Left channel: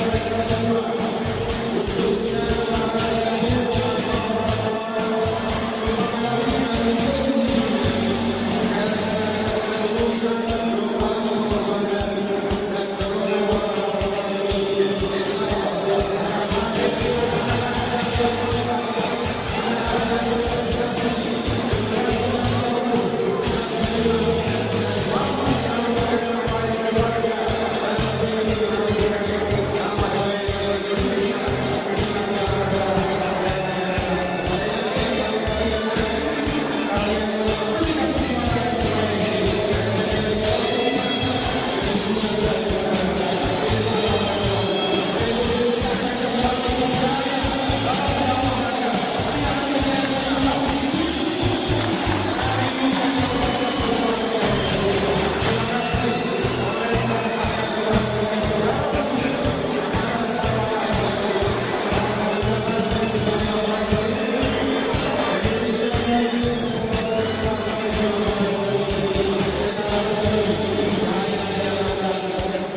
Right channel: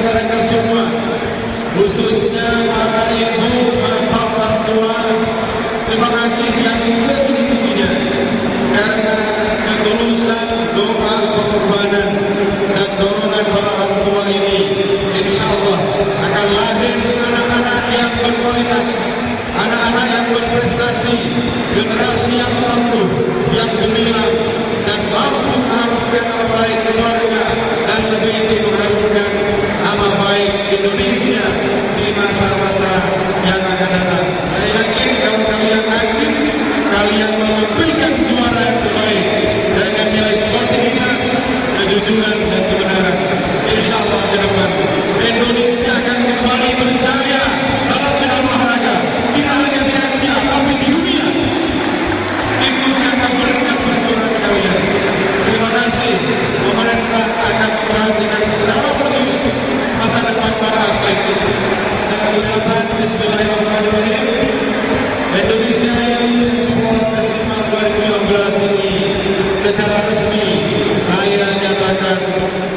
mereka semua, khususnya para ibu, bapak, orang tua. Terima kasih yang sesungguhnya karena ketulusan doa, pengorbanan dan dorongan para orang tua ini. Insya Allah akan lahir anak-anak yang berkualitas, anak-anak yang berprestasi, generasi yang tangguh, yang gemilang, dan mampu mengharumkan nama baik keluarga dan lebih itu mengharumkan nama baik Indonesia di masa-masa yang akan datang. Saya yakin kalau kalian aktif, kalian memberikan juara yang terbaik dengan nilai sportivitas, kejujuran dan kebenaran. Insya Allah ke depan Indonesia akan kembali berjaya dalam bidang olahraga, tidak hanya di Asia tapi di dunia. Itu karena berkat perjuangan kalian. Terima kasih. Pemerintah akan memperhatikan secara serius masa depan para atlet. Dengan ucapan Bismillahirrahmanirrahim, Indonesia Youth Sport Festival 2019 ini secara resmi saya nyatakan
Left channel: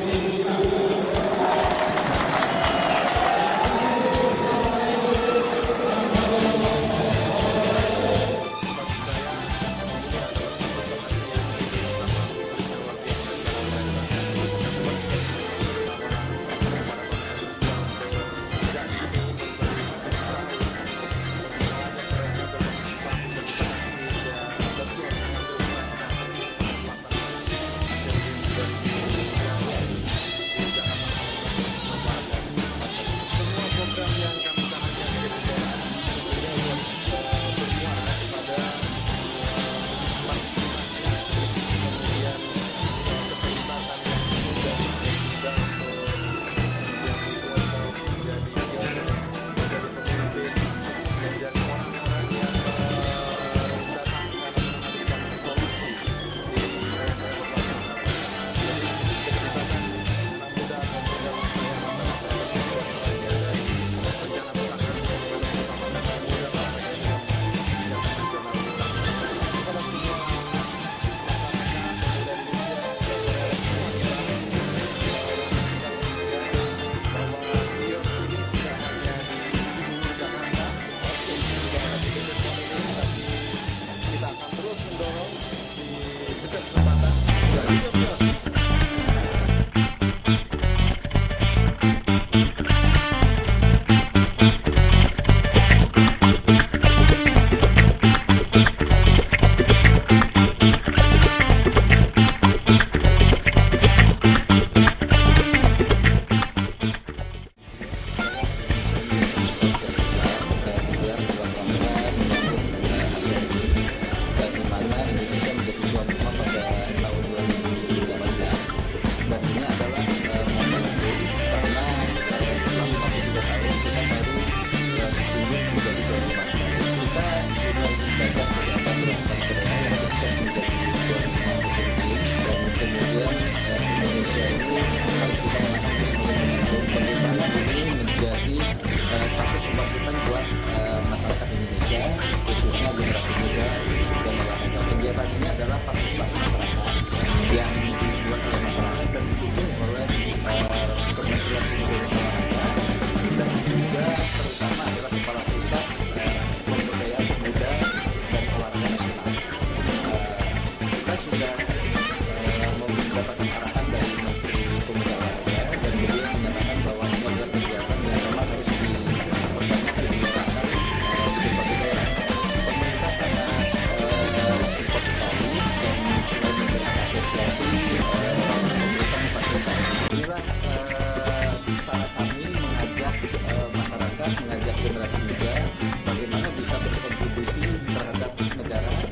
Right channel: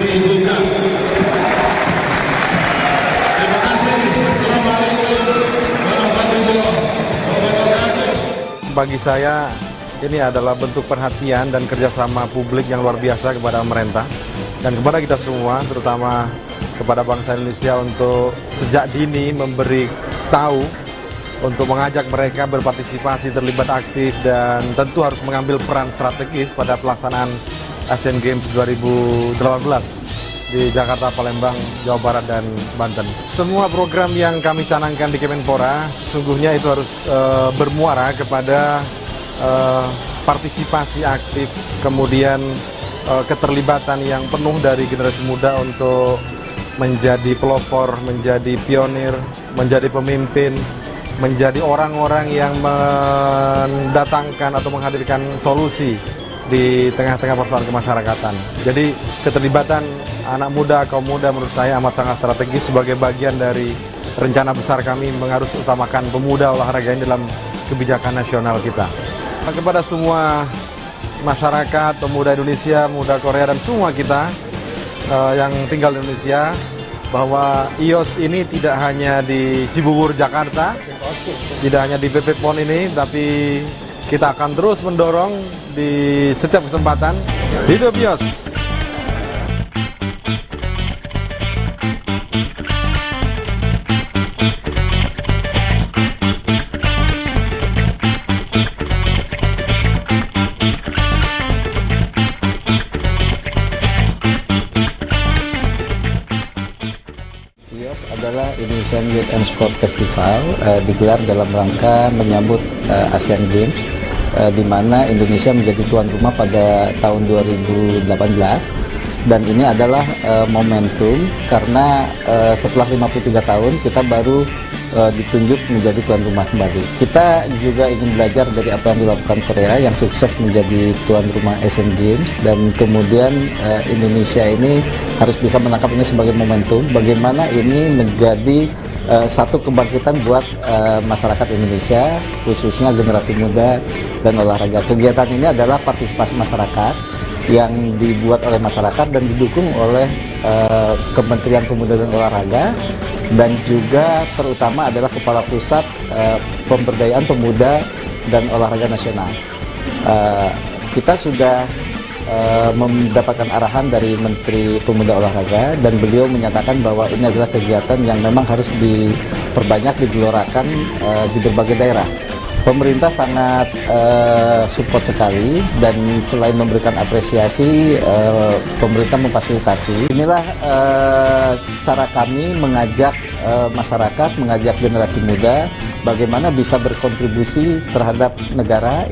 dibuka. Terima kasih. Assalamualaikum warahmatullahi wabarakatuh. Bagi saya ini adalah bentuk perhatian dan kerjasama publik yang luar biasa kepada pemerintah dan kepada kita semua, terutama kepada bangsa Indonesia untuk sejak dini memberi tahu, untuk mengajak mereka berpartisipasi, terlibat aktif, dan tentu harus mengambil peran strategis pada pelaksanaan Asian Games 2018 di Jakarta, Palembang, Jawa Barat, dan Banten. Semua program yang kami canangkan di Kemenpora sesungguhnya itu harus bermuara kepada partisipasi aktif, kemudian keterlibatan yang penuh dari generasi muda untuk menjadi pelopor, menjadi pionir, menjadi pemimpin, menjadi orang-orang yang mendatangkan atau menghadirkan solusi di tengah-tengah persoalan kemasyarakatan. Jadi keterlibatan anak muda, kaum muda menurut saya amat sangat strategis sebagai bagian dari rencana besar kami mengharus utamakan pemuda olahraga ini dalam kebijakan nasional kita. Kepada semua masyarakat, pemuda Indonesia, pemuda Korea, dan semua kita yang tinggal di Indonesia, bahwa IOS ini tidak hanya di Cibubur, Jakarta, tidak hanya di PP PON ini, tapi kita akan terus mendorong di setiap kesempatan. Hidup IOS! Indonesian Youth and Sport Festival digelar dalam rangka menyambut Asian Games, di mana Indonesia menjadi tuan rumah pada tahun 2018, dan ini adalah momentum karena setelah 53 tahun kita baru ditunjuk menjadi tuan rumah kembali. Kita juga ingin belajar dari apa yang dilakukan Korea yang sukses menjadi tuan rumah Asian Games, dan kemudian Indonesia ini harus bisa menangkap ini sebagai momentum bagaimana ini menjadi satu kebangkitan buat masyarakat Indonesia, khususnya generasi muda dan olahraga. Kegiatan ini adalah partisipasi masyarakat yang dibuat oleh masyarakat dan didukung oleh Kementerian Pemuda dan Olahraga, dan juga terutama adalah Kepala Pusat Pemberdayaan Pemuda dan Olahraga Nasional. Kita sudah mendapatkan arahan dari Menteri Pemuda Olahraga, dan beliau menyatakan bahwa ini adalah kegiatan yang memang harus diperbanyak, digelorakan di berbagai daerah. Pemerintah sangat support sekali, dan selain memberikan apresiasi, pemerintah memfasilitasi. Inilah cara kami mengajak masyarakat, mengajak generasi muda bagaimana bisa berkontribusi terhadap negara.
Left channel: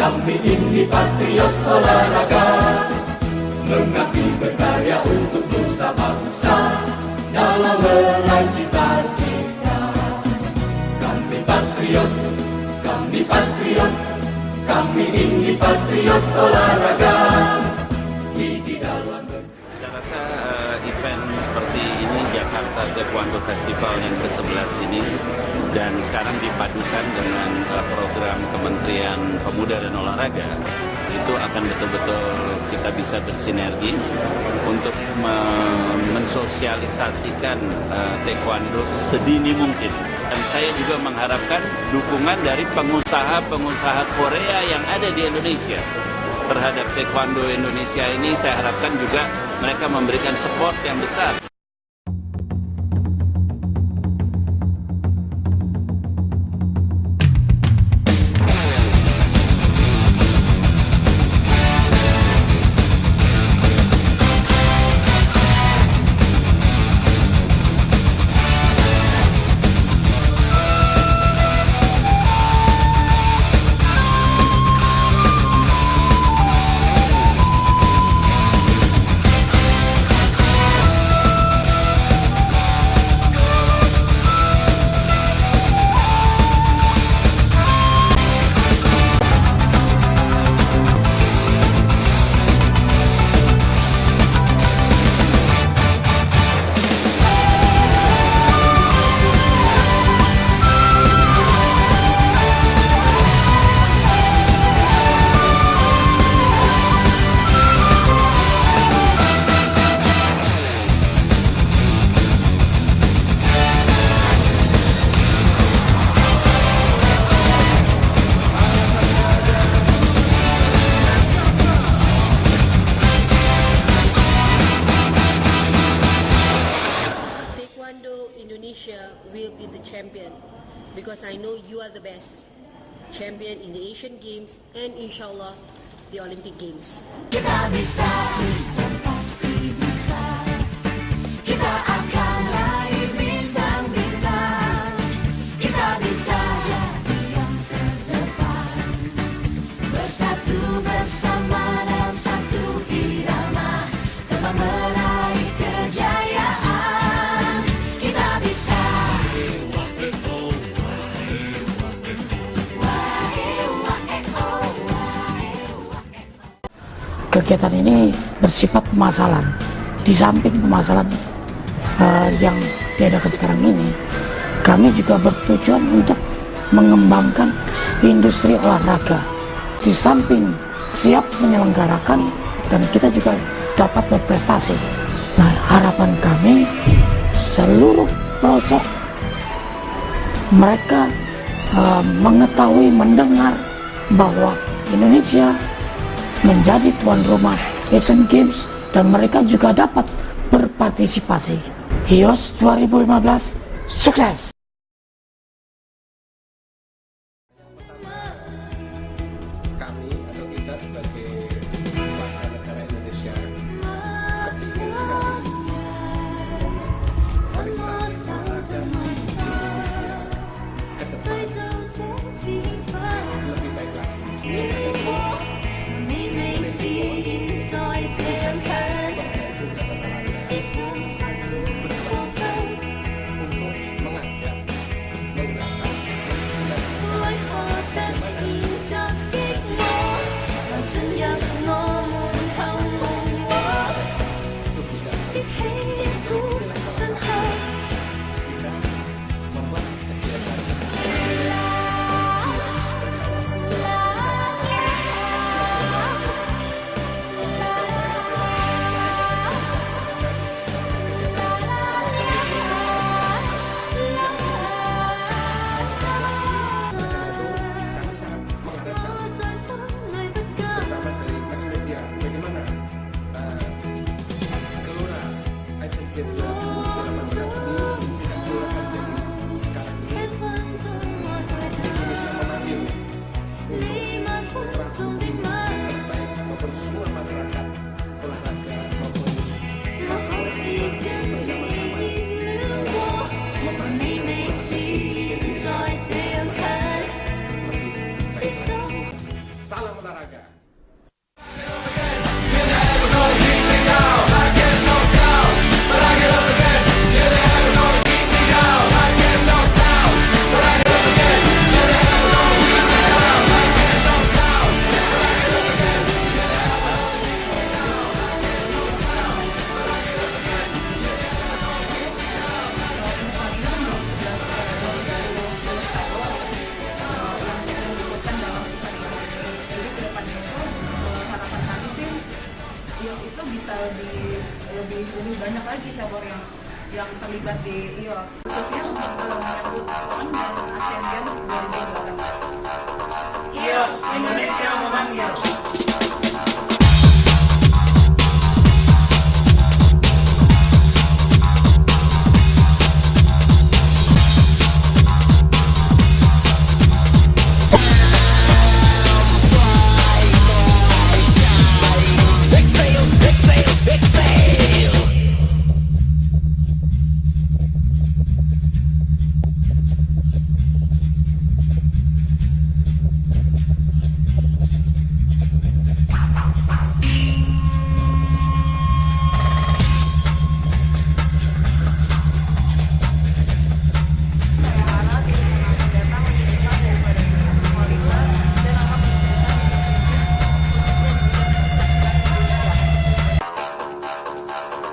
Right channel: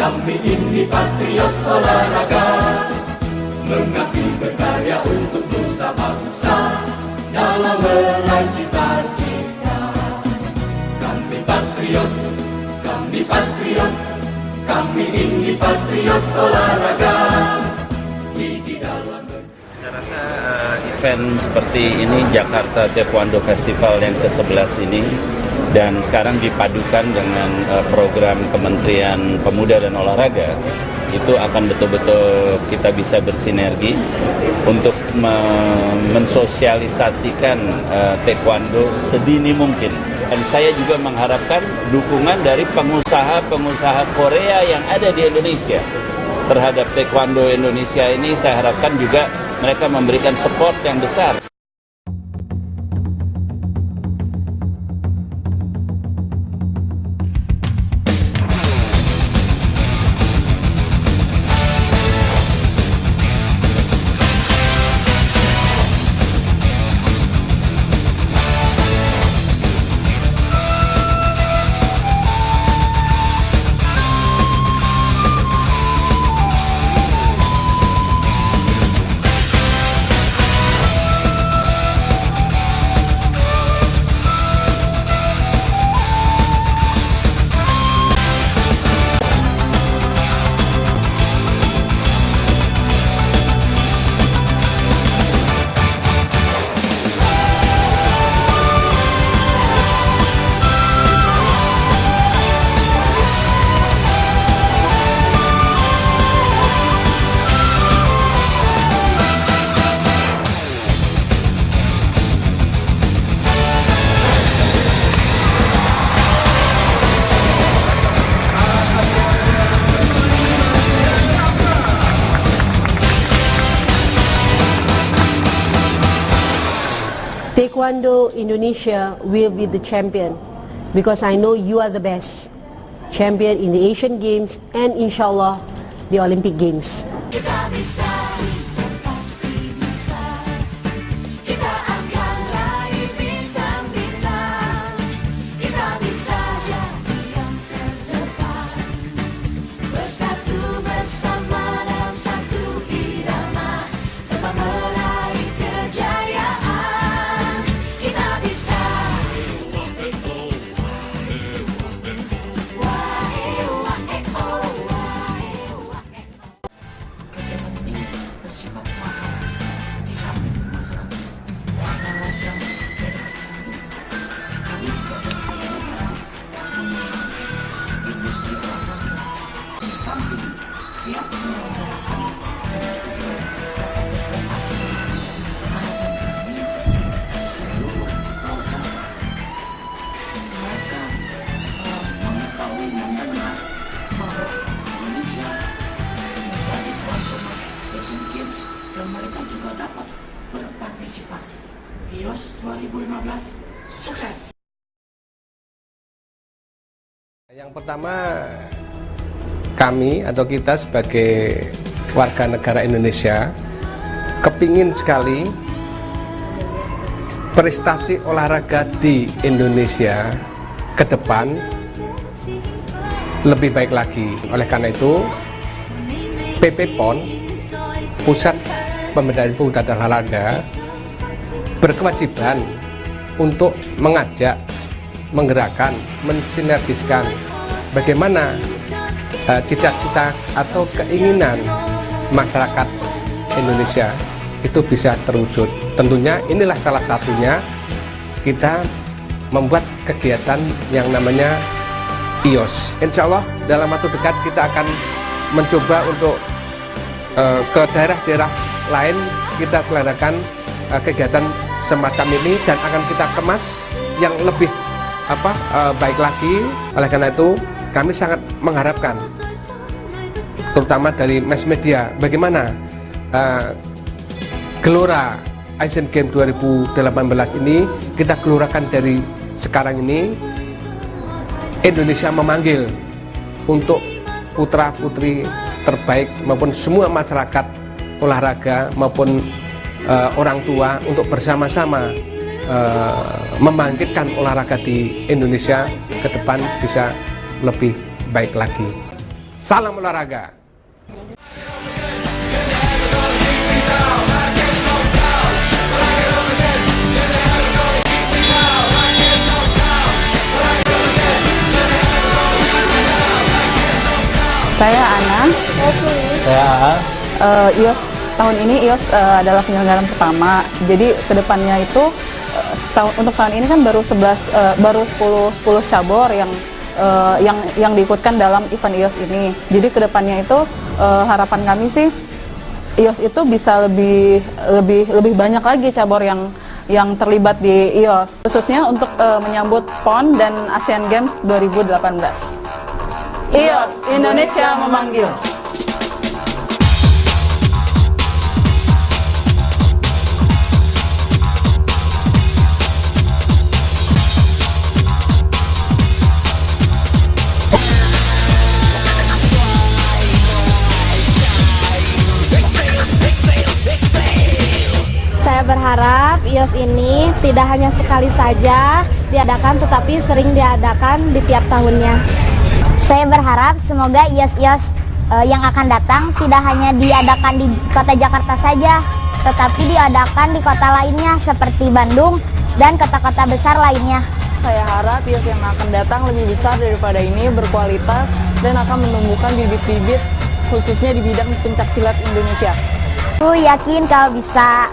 Kami ini patriot olahraga, mengabdi berkarya untuk nusa bangsa dalam meraih cita-cita. Kami patriot, kami ini patriot olahraga. Di dalam event seperti ini, Jakarta Taekwondo Festival yang ke-11 ini, dan sekarang dipadukan dengan program Kementerian Pemuda dan Olahraga, itu akan betul-betul kita bisa bersinergi untuk mensosialisasikan taekwondo sedini mungkin. Dan saya juga mengharapkan dukungan dari pengusaha-pengusaha Korea yang ada di Indonesia terhadap taekwondo Indonesia ini. Saya harapkan juga mereka memberikan support yang besar. Taekwondo Indonesia will be the champion because I know you are the best champion in the Asian Games and inshallah the Olympic Games. Kita bisa, pasti bisa. Kita akan raih bintang-bintang. Kita bisa jadi yang terdepan. Bersatu bersama dalam satu irama, tetap meraih kejayaan. Kita bisa. Kegiatan ini bersifat pemasaran. Di samping pemasaran yang diadakan sekarang ini, kami juga bertujuan untuk mengembangkan industri olahraga. Di samping siap menyelenggarakan, dan kita juga dapat berprestasi. Nah, harapan kami seluruh pelosok mereka mengetahui, mendengar bahwa Indonesia menjadi tuan rumah Asian Games dan mereka juga dapat berpartisipasi. HIOS 2015 sukses! Yang pertama, kami atau kita sebagai warga negara Indonesia kepingin sekali prestasi olahraga di Indonesia ke depan lebih baik lagi. Oleh karena itu, PP PON, Pusat Pemberdayaan Pemuda dan Olahraga, berkewajiban untuk mengajak, menggerakkan, mensinergiskan bagaimana cita-cita atau keinginan masyarakat Indonesia itu bisa terwujud. Tentunya inilah salah satunya kita membuat kegiatan yang namanya HIOS. Insya Allah dalam waktu dekat kita akan mencoba untuk ke daerah-daerah lain kita selenggarakan kegiatan semacam ini dan akan kita kemas yang lebih baik lagi. Oleh karena itu kami sangat mengharapkan terutama dari mass media bagaimana gelora Asian Games 2018 ini kita gelurakan dari sekarang ini. Indonesia memanggil untuk putra-putri terbaik maupun semua masyarakat olahraga maupun orang tua untuk bersama-sama membangkitkan olahraga di Indonesia ke depan bisa lebih baik lagi. Salam olahraga. Saya Ana. HIOS tahun ini IOS adalah penyelenggaraan pertama. Jadi kedepannya itu untuk tahun ini kan baru 10 cabur yang diikutkan dalam event IOS ini. Jadi kedepannya itu harapan kami sih IOS itu bisa lebih banyak lagi cabur yang terlibat di IOS, khususnya untuk menyambut PON dan Asian Games 2018. IOS Indonesia memanggil. IOS ini tidak hanya sekali saja diadakan, tetapi sering diadakan di tiap tahunnya. Saya berharap semoga IOS-IOS yang akan datang tidak hanya diadakan di kota Jakarta saja, tetapi diadakan di kota lainnya seperti Bandung dan kota-kota besar lainnya. Saya harap IOS yang akan datang lebih besar daripada ini, berkualitas, dan akan menumbuhkan bibit-bibit khususnya di bidang pencaksilat Indonesia. Aku yakin kau bisa.